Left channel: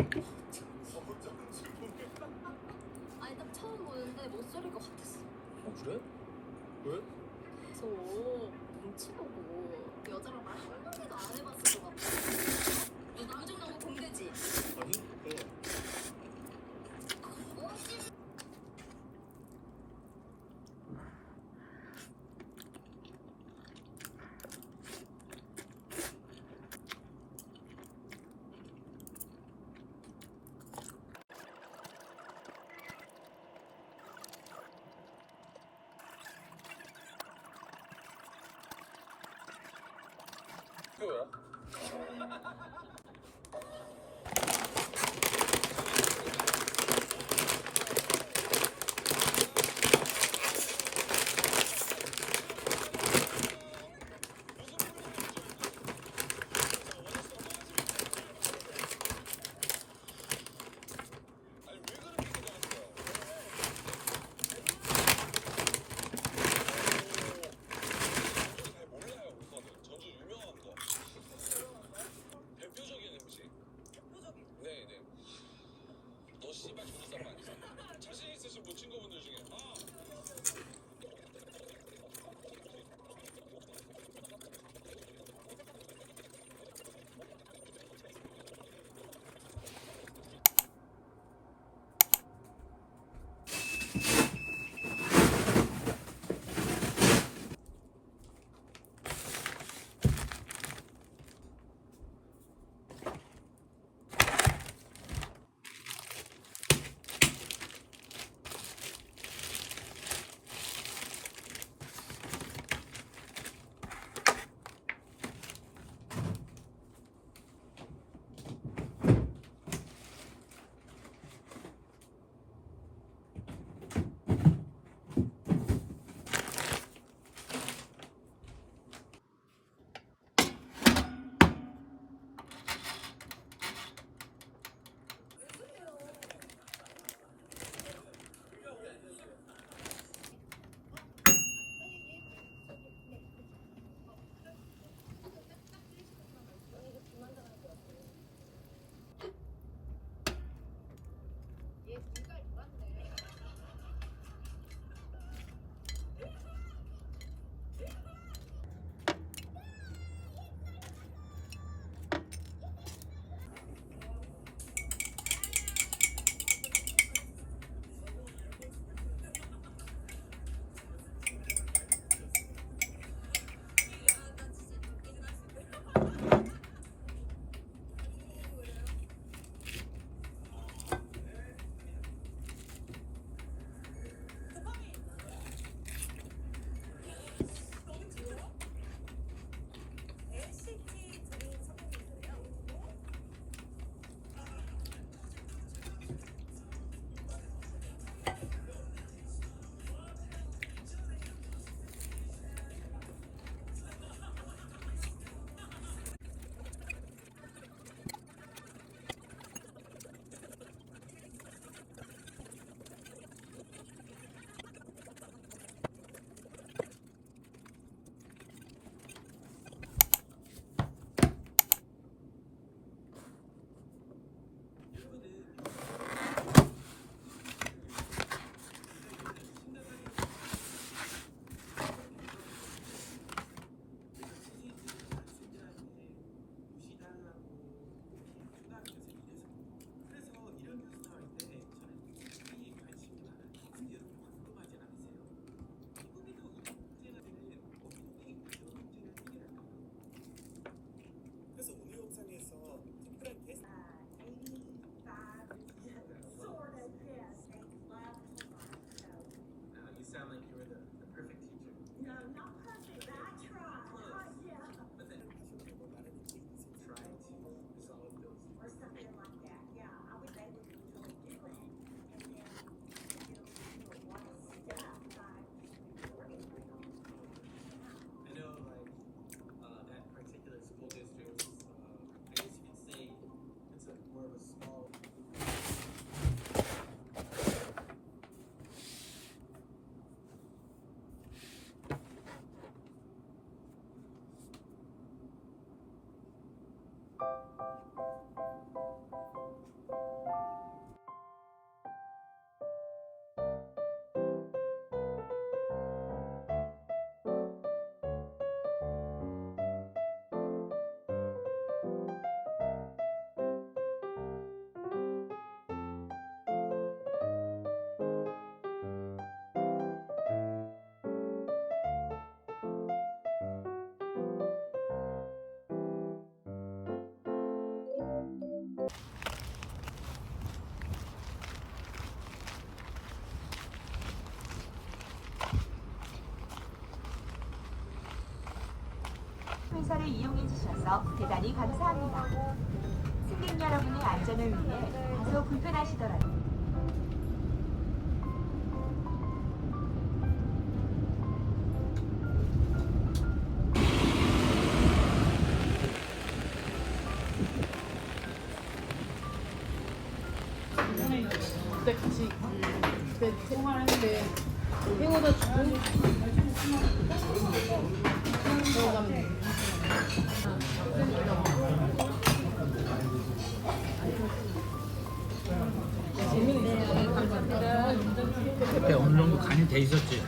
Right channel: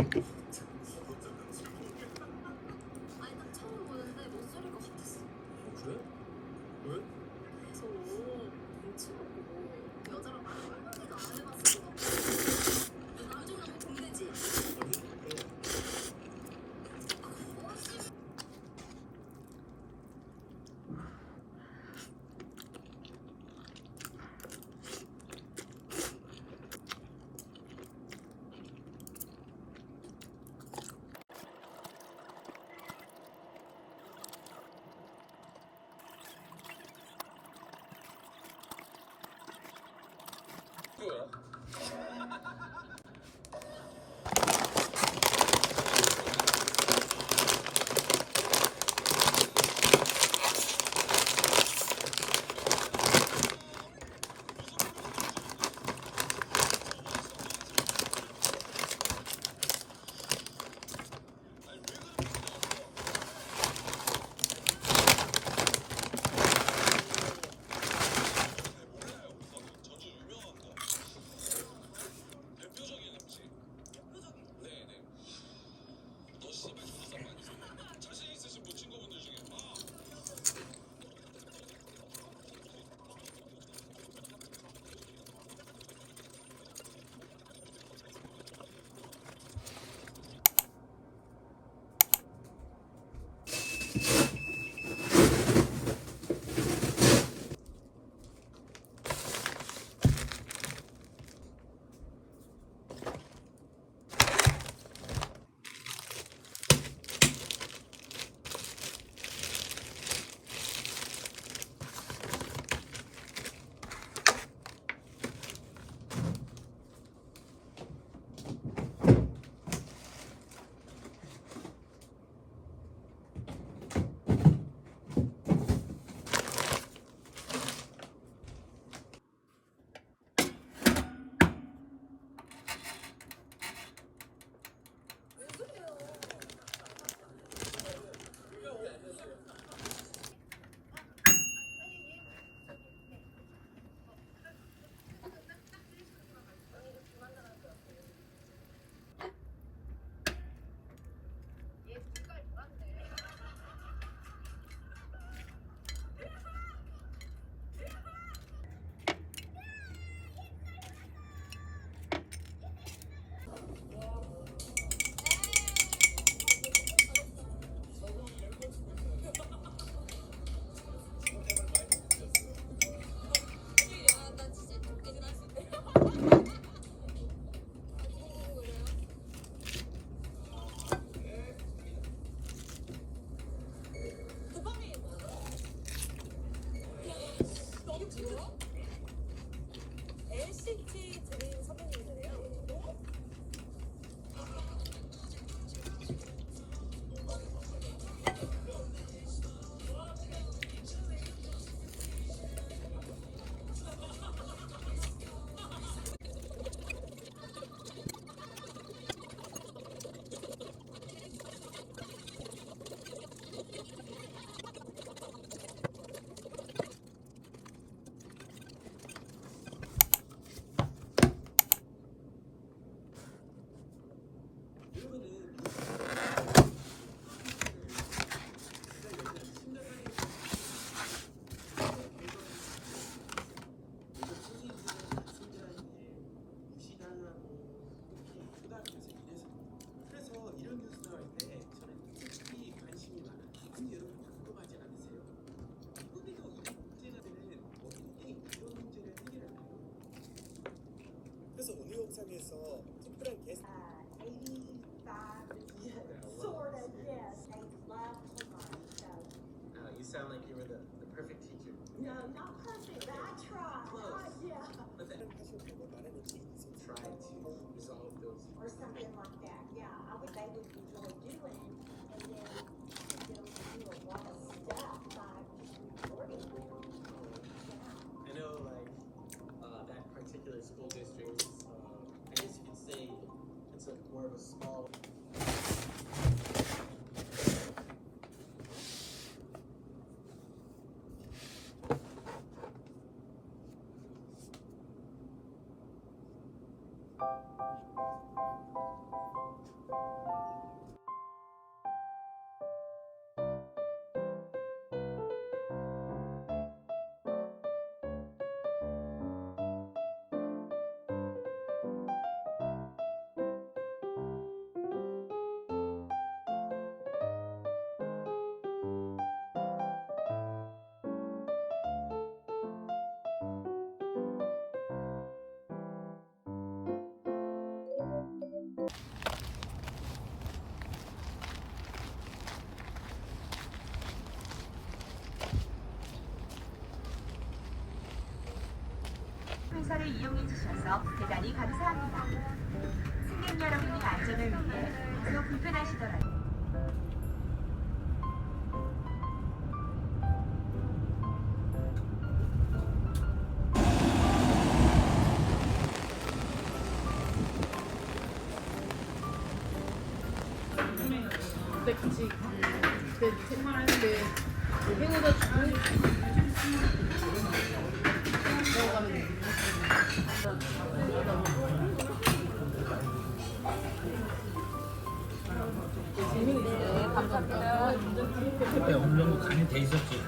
아니 딱 처음 보는데 못소릴 것 같았어. 그래? 왜? 그래서 눈치 보고 여자랑 꼴보기도 안 해봤을 것 같아. 요즘 너무 공개지? 아니? 뭐야? 영상에서 특별한 게스트 Sort of, yes. I love Homer, so. you sound like you were the perfect teacher. No, not perfect, but I tried. Close. Yeah. But then 하시면 되고 나는 이렇게 try to resolve those. Or something like that, yeah. I would, they would enjoy doing, and then get them to do a lot of stuff by recording. I know like that particular school district, I guess you could say it's a more of a small. 시설을 이용해 주셔서 대단히 감사합니다. 승객 여러분의 안전을 위해 다소 불편하시더라도 그때 같이 그때 생활하는데 회오도 주고 먹어가면 돼. 그때 어느 정도 간이 돼 있었지.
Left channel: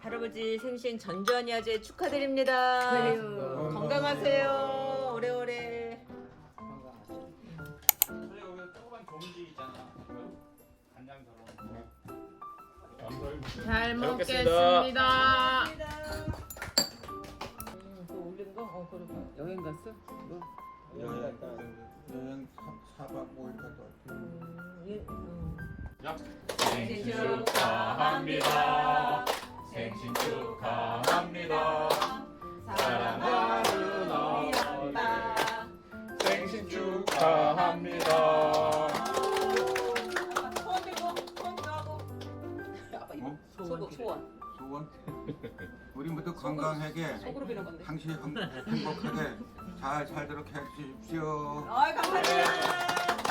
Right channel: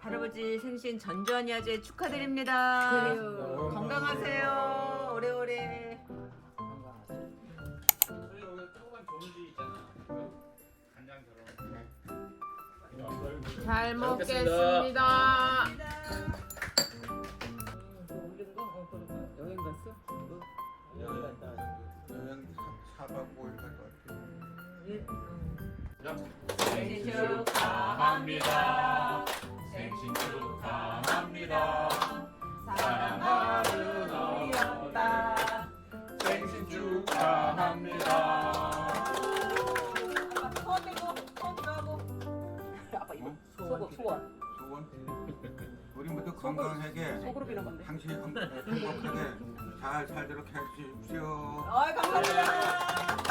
할아버지 생신 전전야제 축하드립니다. 그래요. 건강하세요. 오래오래. 여기 조그만 종지 있잖아. 간장처럼. 잘 먹겠습니다. 올린 거? 그래. 여행 갔어? 여행 4박 5일 갔다 왔지. 예. 생신 축하합니다. 생신 축하합니다. 사랑하는 엄마. 생신 축하합니다. 소원? 우리 모두 건강하게 당신이 행복하게 잘 살도록 해주십시오. 감사합니다.